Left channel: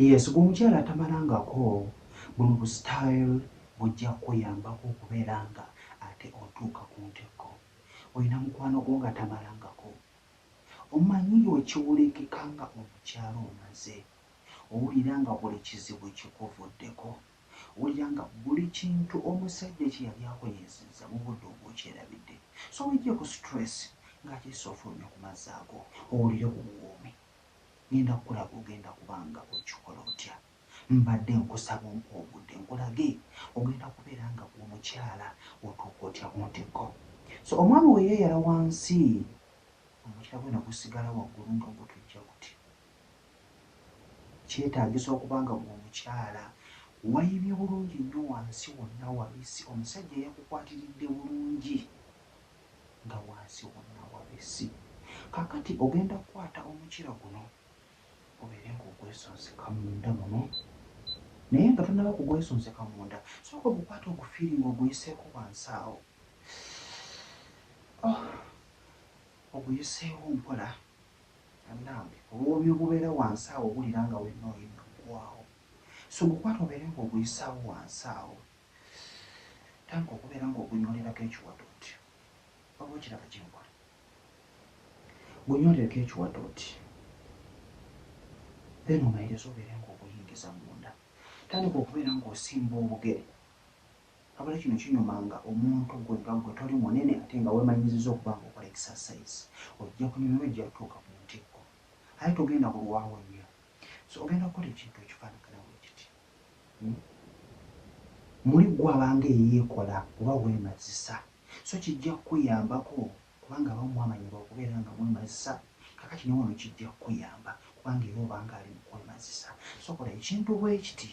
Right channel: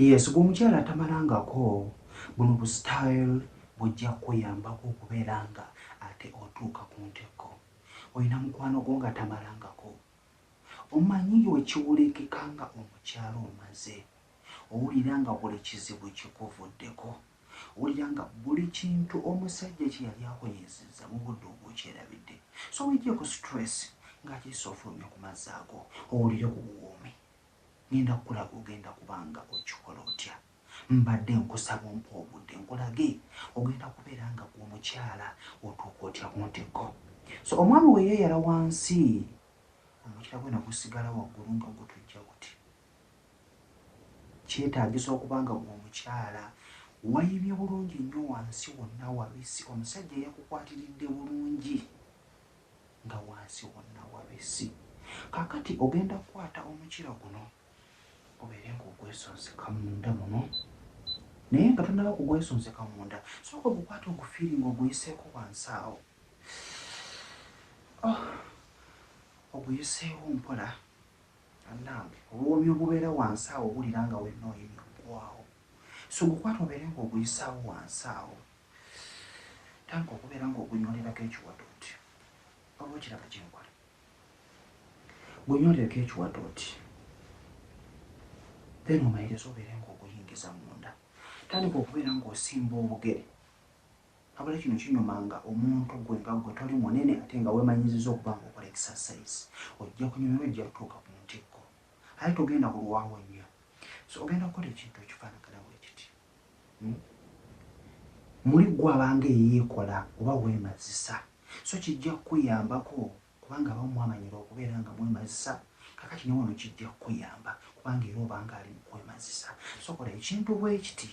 Yes, bw'omukyala atamalangako buno bu style bujja kuyambako okubeera nga ate otuuka ku ntikko. Olina mukwano gwo nga tamalangako. Omanyi wekiwulikika nga omukyala omaze. Owulira nga buli kizibu kikuvuddeko. Owulira nga buli kintu omusajja kye yali akunyiizizza mu budde obwokyerabidde. So wejjeko stress ng'akyuse ofulumya ku mazzi ago owulire bubuwoomi. Ngenda kukulaga ogenda kubanga okikola otya. Mbadde nkusaba ompa obudde nkulage ogenda kubeera nga omukyala otuuka otya ku ntikko. So omwami we yeeyala wansi omukira gwe nagusigala waggulu nga gutujja guti. Kyetaagisa okuba nga omukyala wayibye bulungi nnyo wansi wonna wabisi. Omusajja yakukwatiridde bulungi nga wansi wonna wabisi. Kaakati ogenda kukwata omukira guno obeere ng'ogwesonseka munda muno. Naye nga tonnaba kugwesonseka munda, sooka ogukwata ogufiiringa oguyiseeko wansi awo. Oguyiseewo mpola annange obuwoomi obubeera wansi awo owulira nga wenna oyina okugwawo. So ogukwata obeere ng'oguyisaawo wansi awo. Tandika okubeera ng'ogunyolerako ekiwatooti. Oba okiraba kye nkola. Gunyolereko ekiwatooti. Then omayiriza obeere ng'oguyingiza munda. Tandika okubeera ng'osimba obugere. Abala kino kinyumanga omuntu gwe nga gwe toli munene ate nga weemanyirizza okuba ng'okola exercise. Ojja kunyumira ojja kutuuka ku ntikko. Ate togenda bulwawo nnyo. So ogenda kukola ekintu ekifaanagana bwe kiti. Muli ggwe abanga eyeekola oba weemazisa. So kijja kukuyambako kubanga abamu mwamanyibwa okubeera nga mwemazisa. Kakati ne wano kijja kukuyamba kubanga era obanga ali mu kwemazisa. So kola ekintu bwe kiti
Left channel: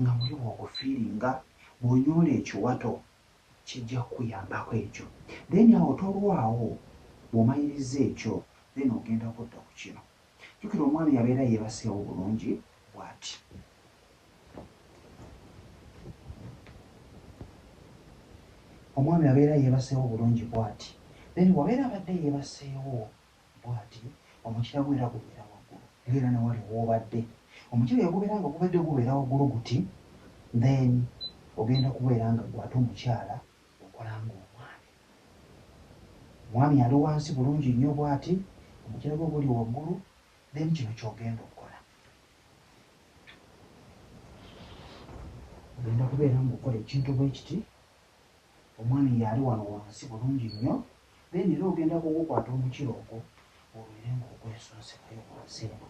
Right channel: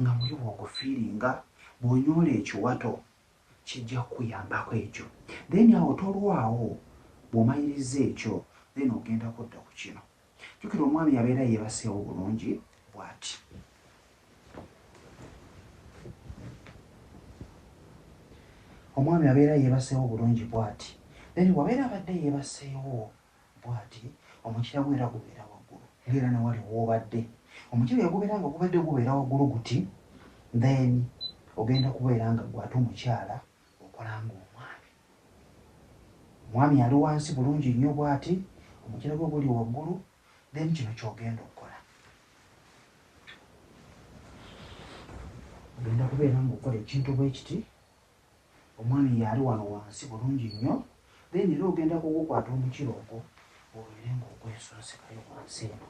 nga muli bw'ogufiiringa bw'onyoola ekiwato kijja kukuyambako ekyo. Then awo tolwawo bw'omaliriza ekyo then ogenda kudda ku kino. Jjukira omwami yabeera yeebaseewo bulungi bw'ati. Omwami abeera yeebaseewo bulungi bw'ati. Then bw'abeera abadde yeebaseewo bw'ati omukira gwe era gubeera waggulu. Era na wali w'obadde. Omukira yagubeera nga gubadde gubeera waggulu guti. Then ogenda kubeera nga gwate omukyala okola ng'omwami. Omwami ali wansi bulungi nnyo bw'ati, omukira gwe guli waggulu, then kino ky'ogenda okukola. Ogenda kubeera ng'okola ekintu bwe kiti, omwami yali wano wansi bulungi nnyo, then era ogenda kugukwata omukira ogwo obeere ng'ogwesonsekayo wansi eno.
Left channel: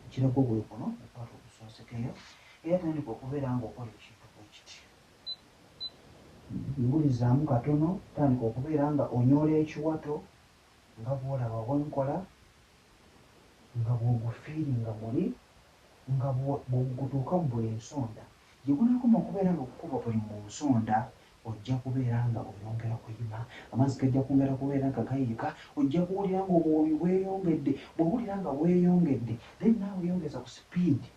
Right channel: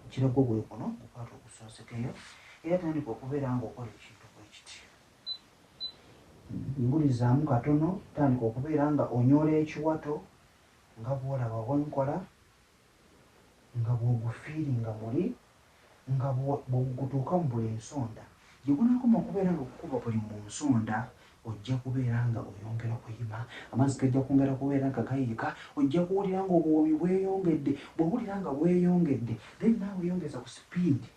Omukira gwo gwe guno okwata ogusonsekayo era tandika okubeera ng'okola ekintu bwe kiti. Ngulizaamu katono, tandika okubeera nga onyoola ekiwato nga bw'olaba bwe nkola, nga bw'ogufiiringa muli, nga bw'ogutuuka mu buli nsonda. Gye gunaakoma okubeera ng'okukuba buli mu nsonda, ojja kubeera nga oyongera kuyima, amazzi gajja kwongera kubeera nga gayiika, ojja kuwulira ng'obuwoomi bweyongedde. Bw'owulira nga bweyongedde, then naawe yongeza ku sipiidi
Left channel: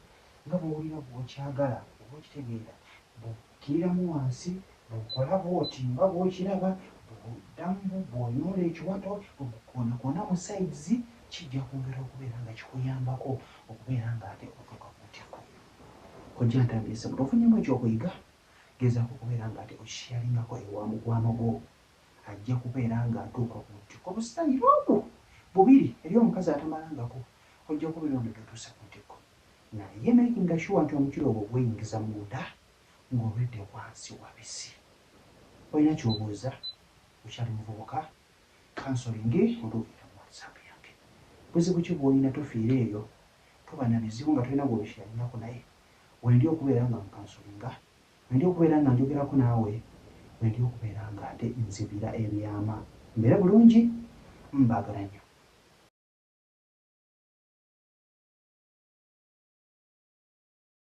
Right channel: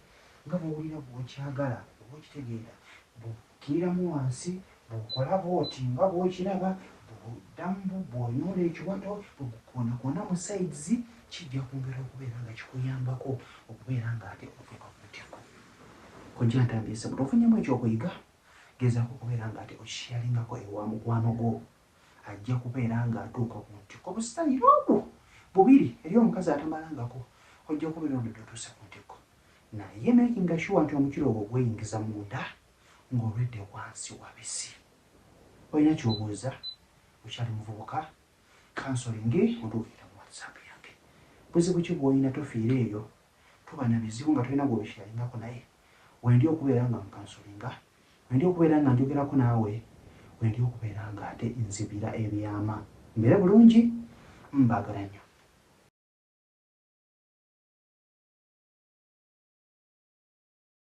nga bw'owulira bw'okyagala, bw'okitegeera, bw'okkiriramu wansi, bw'okola bw'oti nga bw'okiraba, bw'oddamu bw'onyoola ekiwato, bw'okoonakona mu sides, kijja kwongera okubeera nga kikuyambako okubeera ng'ate otuuka ku ntikko. Ojja ntambise bwe tofunyeemu ekyokuyiga, gezaako okubeera ng'ate okikiyalingako ewa mukwano gwo. Ajja kubeera ng'atuuka ku ntikko. Obusitayiri obwo bubiri eri omukazi atamalangako, ojja kubeera oludde otuuse ku ntikko. Naye makinga sure nti omukira ogwo gweyingiza munda ng'olwedde wansi wabisi. Olina ky'obuuza, okyali muvubuka, kansolingi ontuukira mu WhatsApp yange. Buzibu ki bw'olina tofiira eyo, tuba na bizibu nga tulina gw'obikiralingako naye. Wendi okubeera nga nkansolinga, wendi okubeera nga njogerako naawe, wendi okubeera ng'ate nzibira ebyama. Mbeere bulungi, mbaagala nnyo.